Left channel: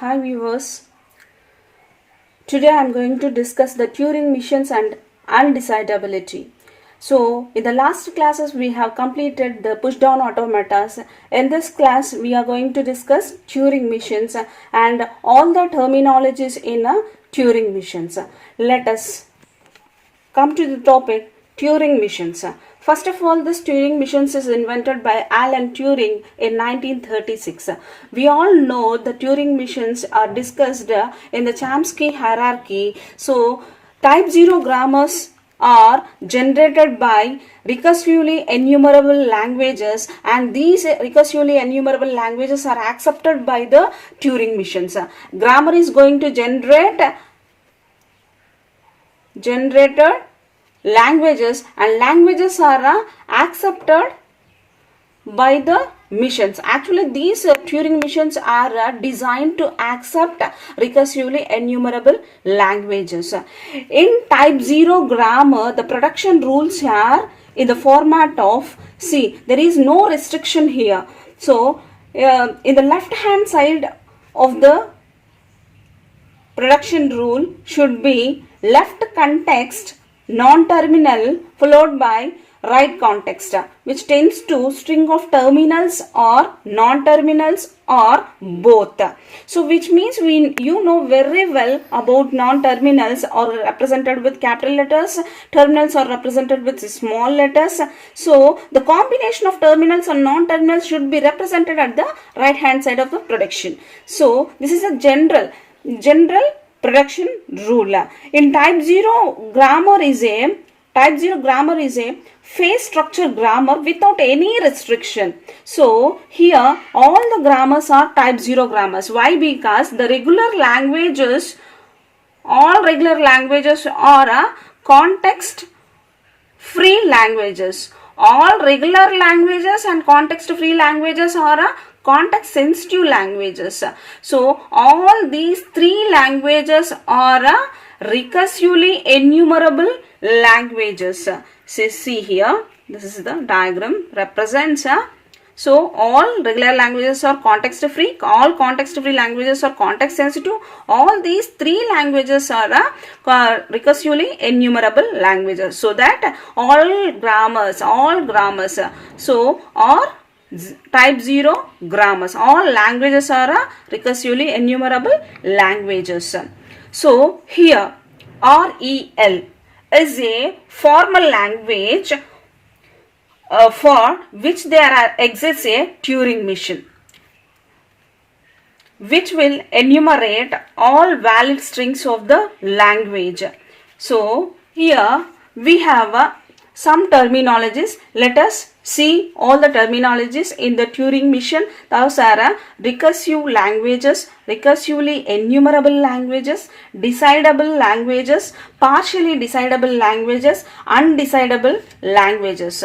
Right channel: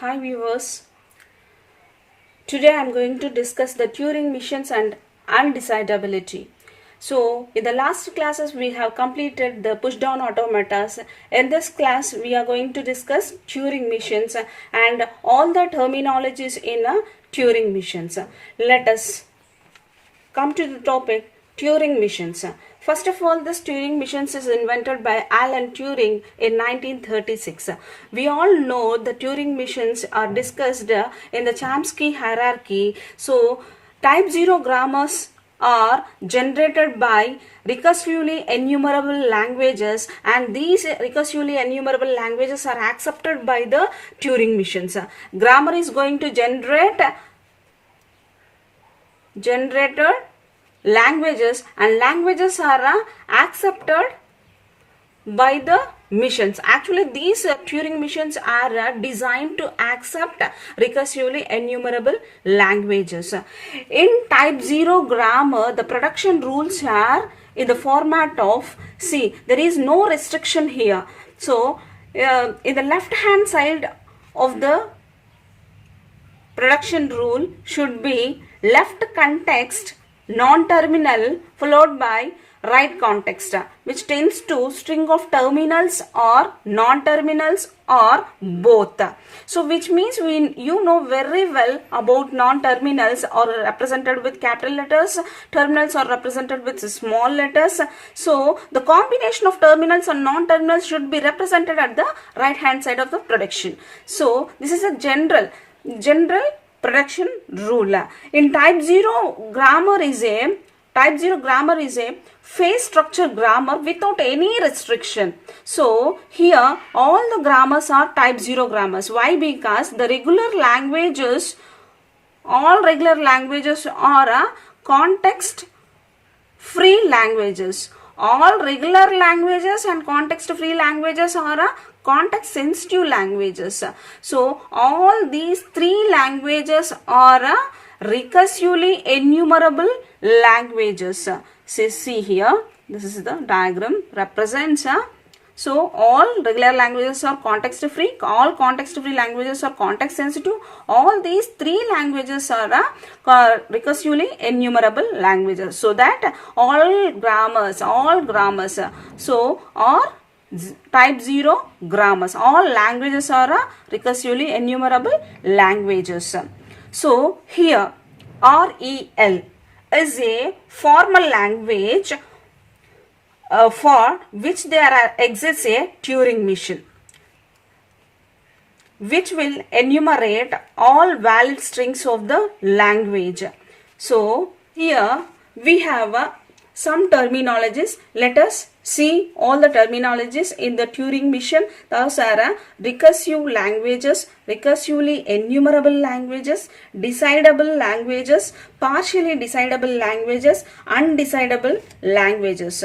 Hi viewers, today I am going to discuss the Turing machines and undecidability. So in the last classes we have completed the push down automatas. In this class we are going to discuss Turing machines and all the terminologies in Turing machines. Let us come to the topic Turing machines. First of all, this Turing machines is invented by Alan Turing in 1936. We all know the Turing machines are discussed in the Chomsky hierarchy. So, type 0 grammars are generated by recursively enumerable languages, and these recursively enumerable languages are accepted by the Turing machines. Grammar is going to generated languages, and languages are accepted by the machines. Actually, these Turing machines are designed to accept recursively enumerable languages. In type 0 grammar, the production rules are in the format of C. There is no restriction here. So, in the left hand side of the production rule should be left context non-terminal followed by right context, which tends to string of terminals or non-terminals or both. So which means you know very well about non-terminals are represented with capital letters, terminals are represented with small letters. So the combination of terminals and non-terminals should be represented at the right hand side of the production. So this is a general production rule. In type 0 grammar is a phase structure grammar without any restriction. So here all the grammars are type 0 grammars. Why? Because the all regular languages are context free languages. All regular languages and context free languages are context sensitive languages. So all these three languages are recursively enumerable languages. See here, this is the diagram represents. So all regular languages are context free, all context free languages are context sensitive. All these three languages are recursively enumerable languages. So that all grammars so are type 0 grammars. All languages are recursively enumerable languages. So here REL is a formal language for which there exists a Turing machine which will enumerate all valid strings of the language. So here we have some terminologies. Let us see all the terminologies in the Turing machine. Those are recursive languages, recursively enumerable languages, decidable languages, partially decidable languages, undecidable languages.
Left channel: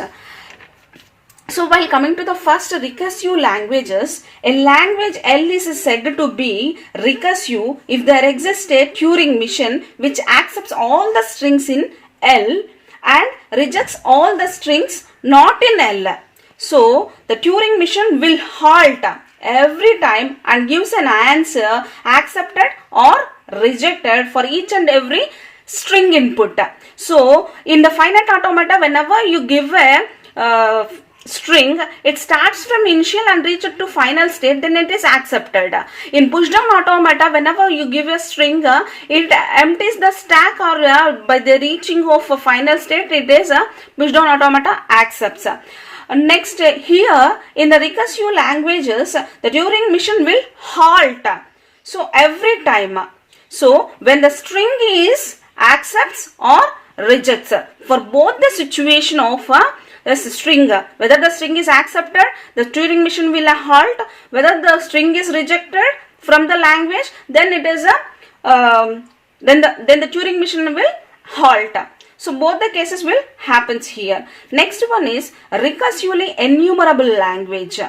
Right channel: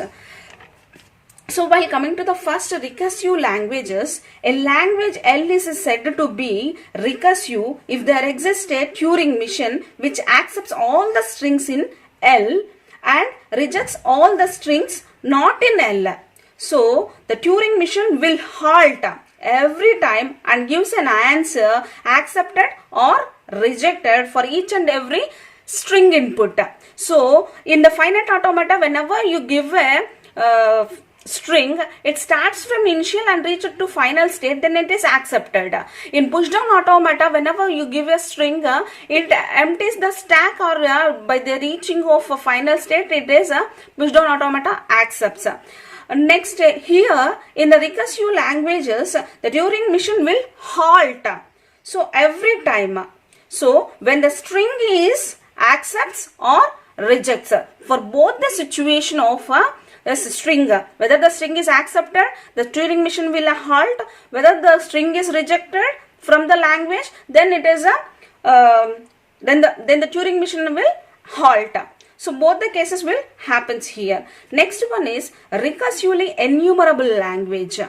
So while coming to the first recursive languages, a language L is said to be recursive if there exists a Turing machine which accepts all the strings in L and rejects all the strings not in L. So the Turing machine will halt every time and gives an answer accepted or rejected for each and every string input. So in the finite automata, whenever you give a string, it starts from initial and reaches to final state, then it is accepted. In push down automata, whenever you give a string, it empties the stack or by the reaching of a final state, it is a push down automata accepts. Next, here in the recursive languages, the Turing machine will halt. So every time, so when the string is accepts or rejects, for both the situation of a string, whether the string is accepted, the Turing machine will halt. Whether the string is rejected from the language, then it is a then the Turing machine will halt. So both the cases will happens here. Next one is recursively enumerable language.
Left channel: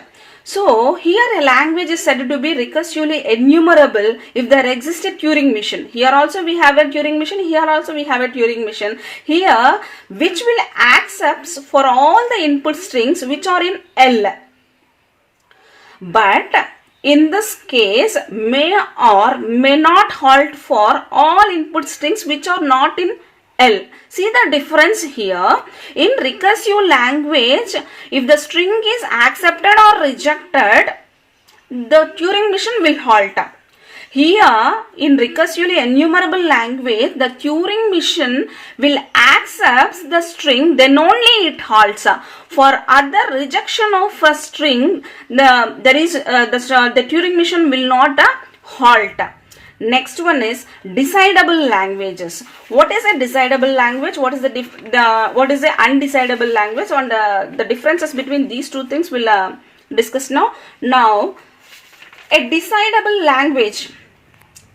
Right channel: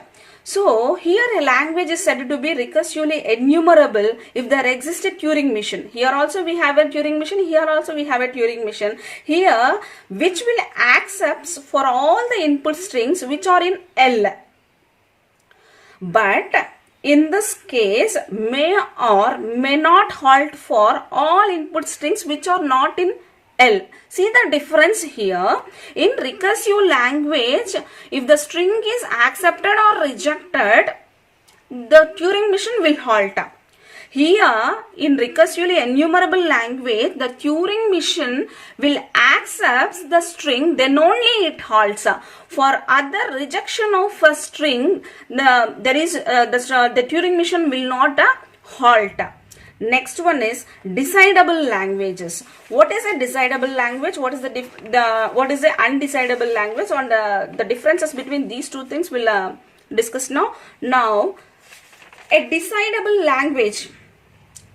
So here a language is said to be recursively enumerable if there exists a Turing machine. Here also we have a Turing machine. Here also we have a Turing machine. Here which will accepts for all the input strings which are in L. But in this case may or may not halt for all input strings which are not in L. See the difference here. In recursive language, if the string is accepted or rejected, the Turing machine will halt. Here, in recursively enumerable language, the Turing machine will accept the string, then only it halts. For other rejection of a string, the Turing machine will not halt. Next one is decidable languages. What is a decidable language? What is the undecidable language? On the differences between these two things we'll discuss now. Now, a decidable language.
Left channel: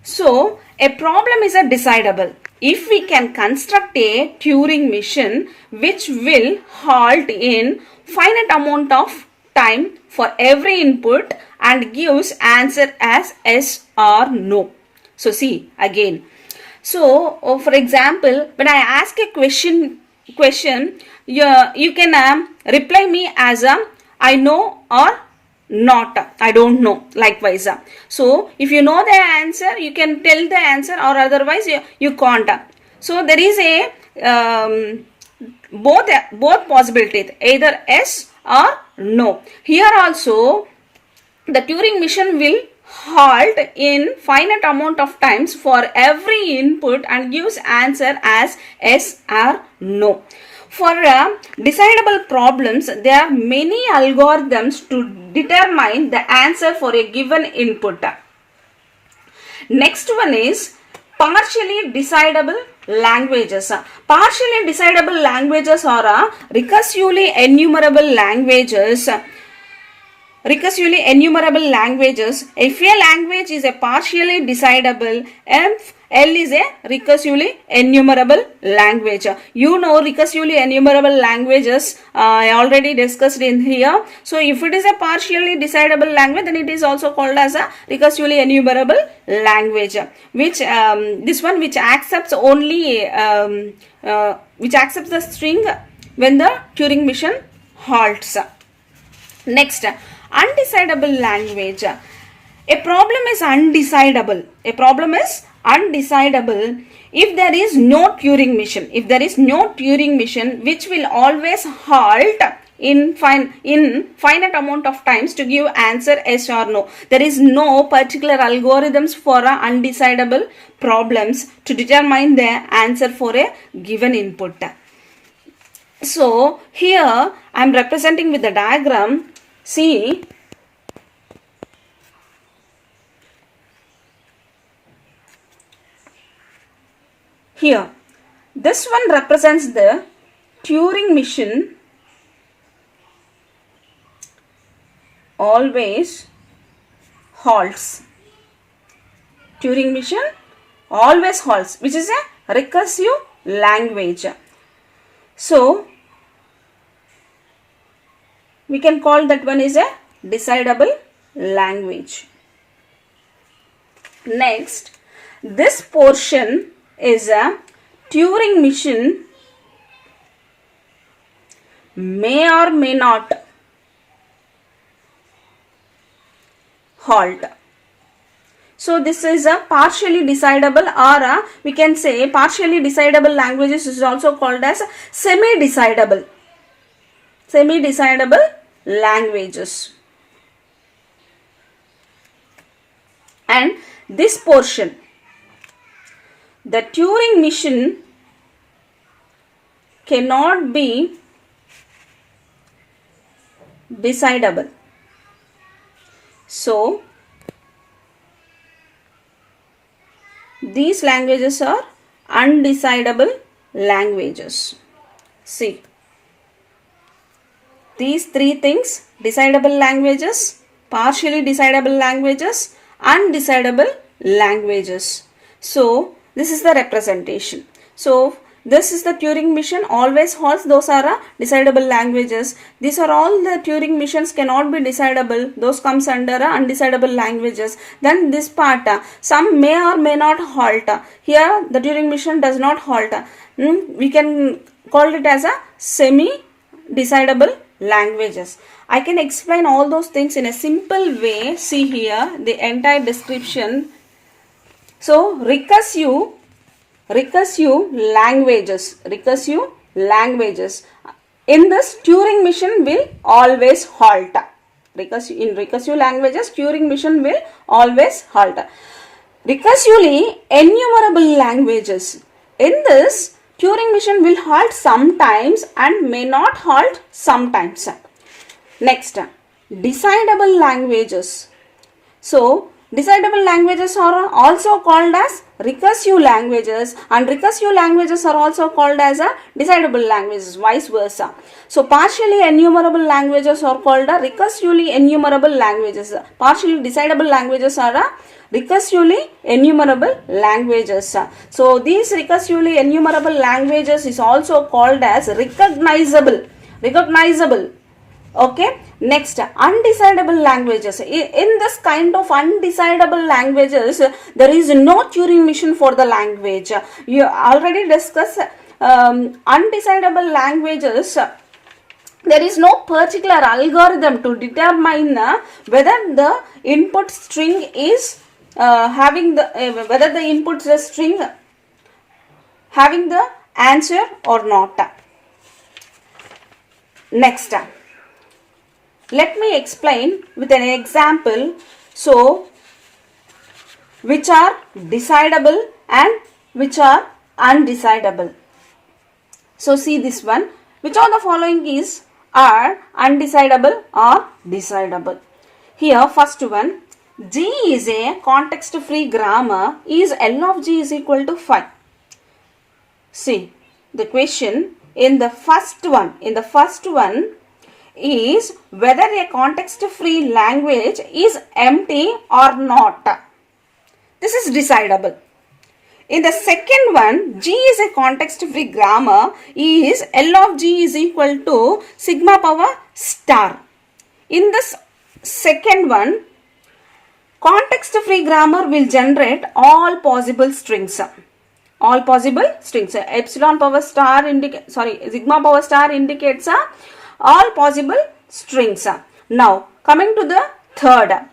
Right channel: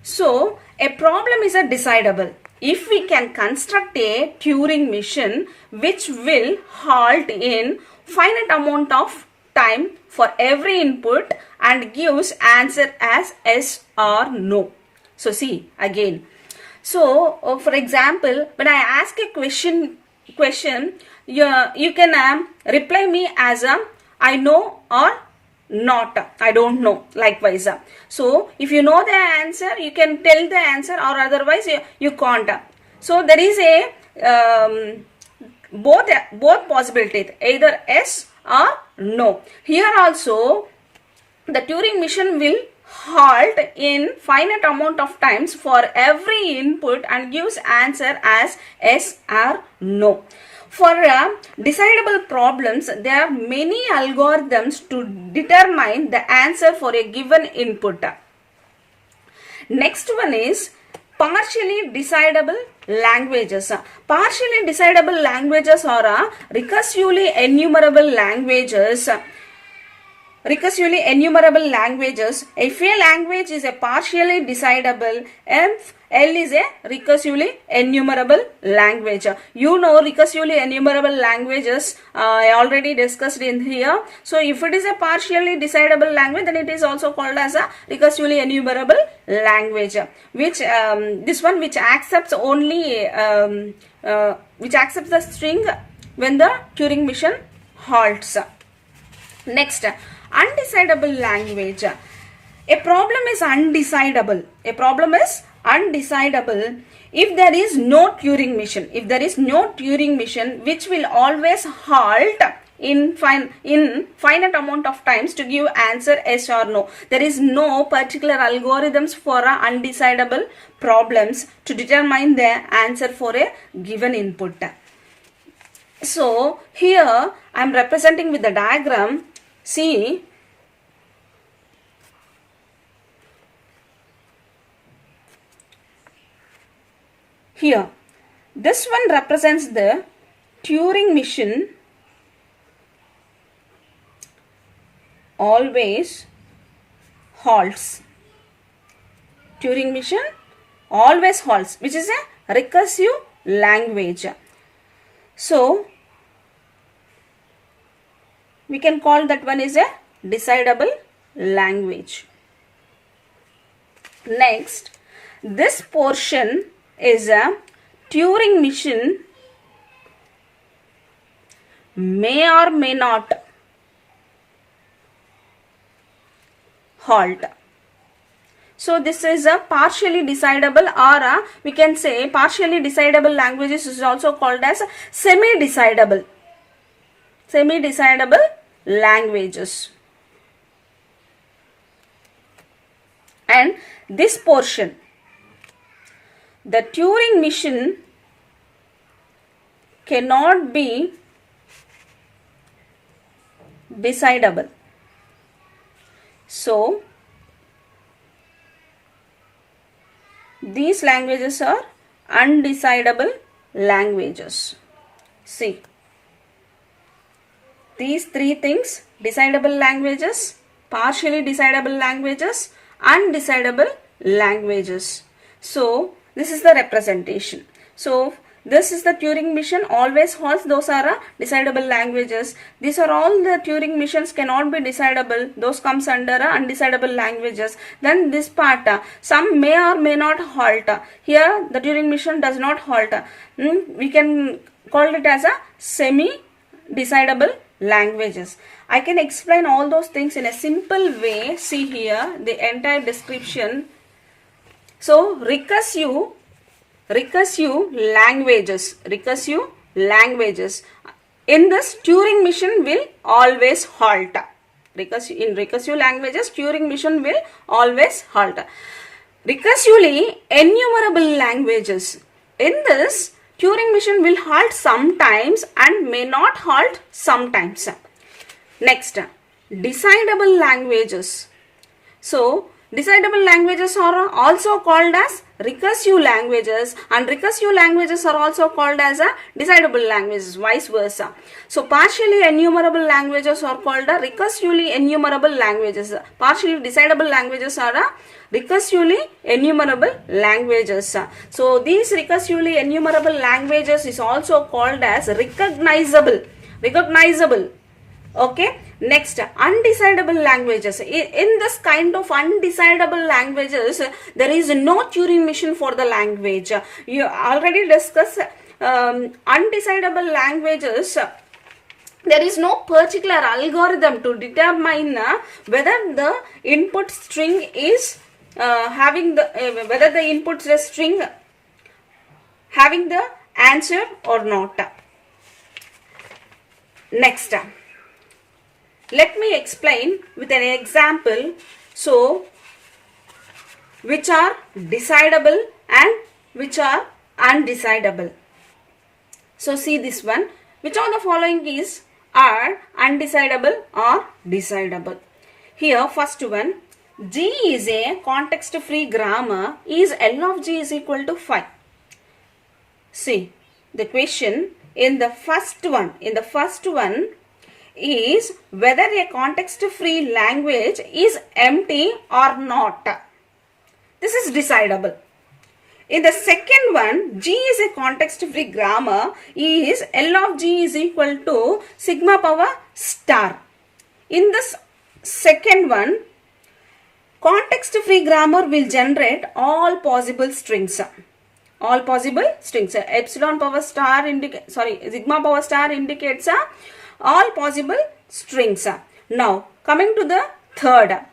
So, a problem is a decidable if we can construct a Turing machine which will halt in finite amount of time for every input and gives answer as yes or no. So, see again. So, for example, when I ask a question, you can reply me as I know or not, I don't know, likewise. So, if you know the answer, you can tell the answer, or otherwise you can't. So, there is a both possibilities, either yes or no. Here also, the Turing machine will halt in finite amount of times for every input and gives answer as yes or no. For decidable problems, there are many algorithms to determine the answer for a given input. Next one is partially decidable languages. Partially decidable languages are recursively enumerable languages. Recursively enumerable languages. If a language is a partially decidable, L is a recursively enumerable language. You know recursively enumerable languages I already discussed in here. So if it is a partially decidable language, then it is also called as a recursively enumerable language. Which this one which accepts only which accepts the string when the Turing machine halts. Next, undecidable language. A problem is undecidable. A problem is undecidable if there is no Turing machine. If there is no Turing machine which will always halt in finite amount of times to give answer yes or no. There is no particular algorithms for undecidable problems to determine the answer for a given input. So here I am representing with the diagram. See, here, this one represents the Turing machine always halts. Turing machine always halts, which is a recursive language. So, we can call that one is a decidable language. Next, this portion is a Turing machine may or may not halt. So this is a partially decidable, or we can say partially decidable languages is also called as semi-decidable. Semi-decidable languages. And this portion, the Turing machine cannot be decidable. So, these languages are undecidable languages. See, these three things: decidable languages, partially decidable languages, undecidable languages. So, this is the representation. So, this is the Turing machine always halts. Those are decidable languages. These are all the Turing machines cannot be decidable. Those comes under undecidable languages. Then this part, some may or may not halt. Here the Turing machine does not halt. We can call it as a semi-decidable languages. I can explain all those things in a simple way. See here the entire description. So recursive languages. In this, Turing machine will always halt. In recursive languages, Turing machine will always halt. Recursively enumerable languages. In this, Turing machine will halt sometimes and may not halt sometimes. Next, decidable languages. So, decidable languages are also called as recursive languages, and recursive languages are also called as a decidable languages, vice versa. So, partially enumerable languages are called a recursively enumerable languages. Partially decidable languages are a recursively enumerable languages. So, these recursively enumerable languages is also called as recognizable. Okay. Next, undecidable languages. In this kind of undecidable languages, there is no Turing machine for the language. You already discussed undecidable languages. There is no particular algorithm to determine whether the input string is whether the input string having the answer or not. Next, let me explain with an example. So, which are decidable and which are undecidable. So, see this one. Which of the following are undecidable or decidable? Here, first one, G is a context-free grammar. Is L of G is equal to 5? See, the question in the first one is whether a context-free language is empty or not. This is decidable. In the second one, G is a context-free grammar. Is L of G is equal to sigma power star. In this second one, context-free grammar will generate all possible strings. Epsilon power star sigma power star indicates all possible strings. Now, coming to the third.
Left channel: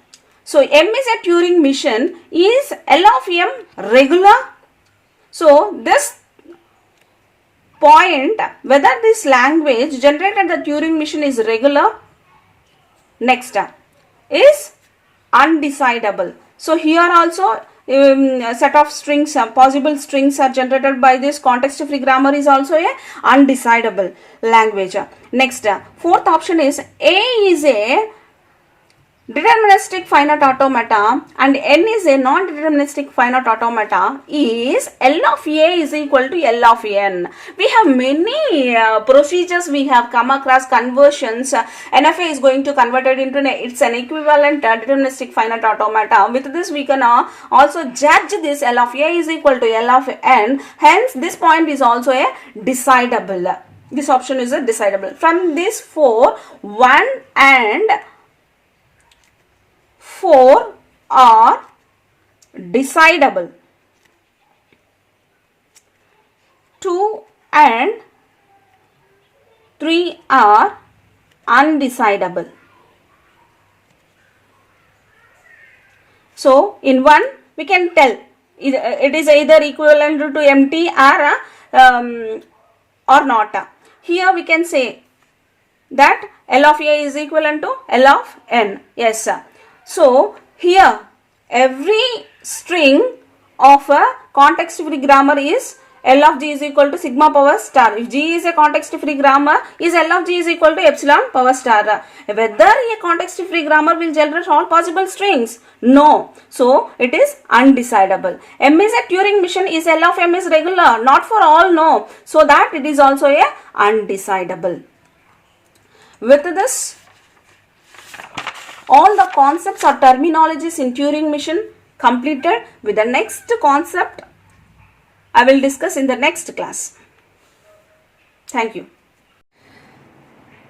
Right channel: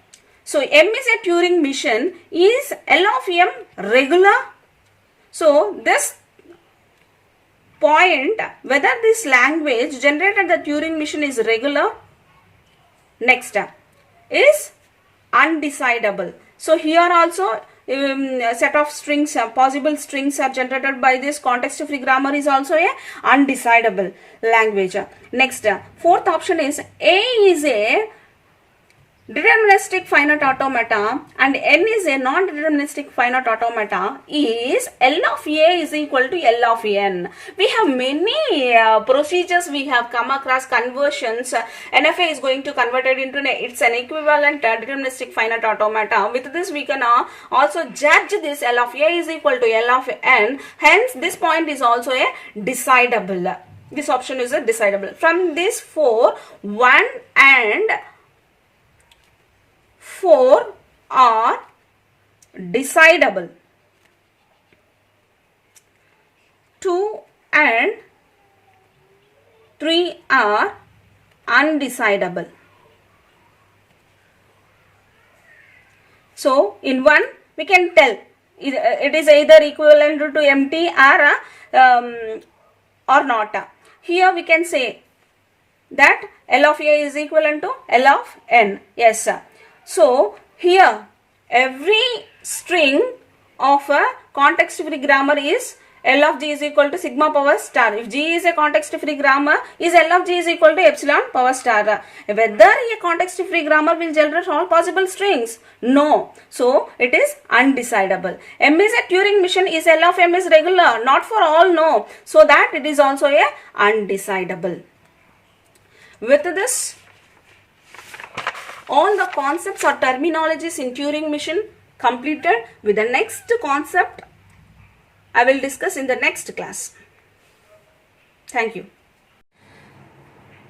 So, M is a Turing machine. Is L of M regular? So, this point, whether this language generated the Turing machine is regular. Next, is undecidable. So, here also a set of strings, possible strings are generated by this context-free grammar is also a undecidable language. Next, fourth option is A is a deterministic finite automata and N is a non-deterministic finite automata. Is L of A is equal to L of N. We have many procedures we have come across, conversions. NFA is going to convert it into it's an equivalent deterministic finite automata. With this we can also judge this L of A is equal to L of N. Hence this point is also a decidable. This option is a decidable. From these four, 1 and 4 are decidable. 2 and 3 are undecidable. So, in 1 we can tell it is either equivalent to empty or not. Here we can say that L of A is equivalent to L of N. Yes. So, here every string of a context-free grammar is L of G is equal to sigma power star. If G is a context-free grammar, is L of G is equal to epsilon power star. Whether a context-free grammar will generate all possible strings? No. So, it is undecidable. M is a Turing machine. Is L of M is regular? Not for all, no. So, that it is also a undecidable. With this, all the concepts or terminologies in Turing machine completed. With the next concept I will discuss in the next class. Thank you.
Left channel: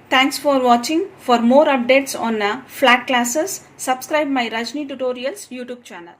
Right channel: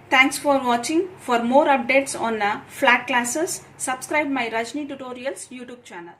Thanks for watching. For more updates on flat classes, subscribe my Rajni Tutorials YouTube channel.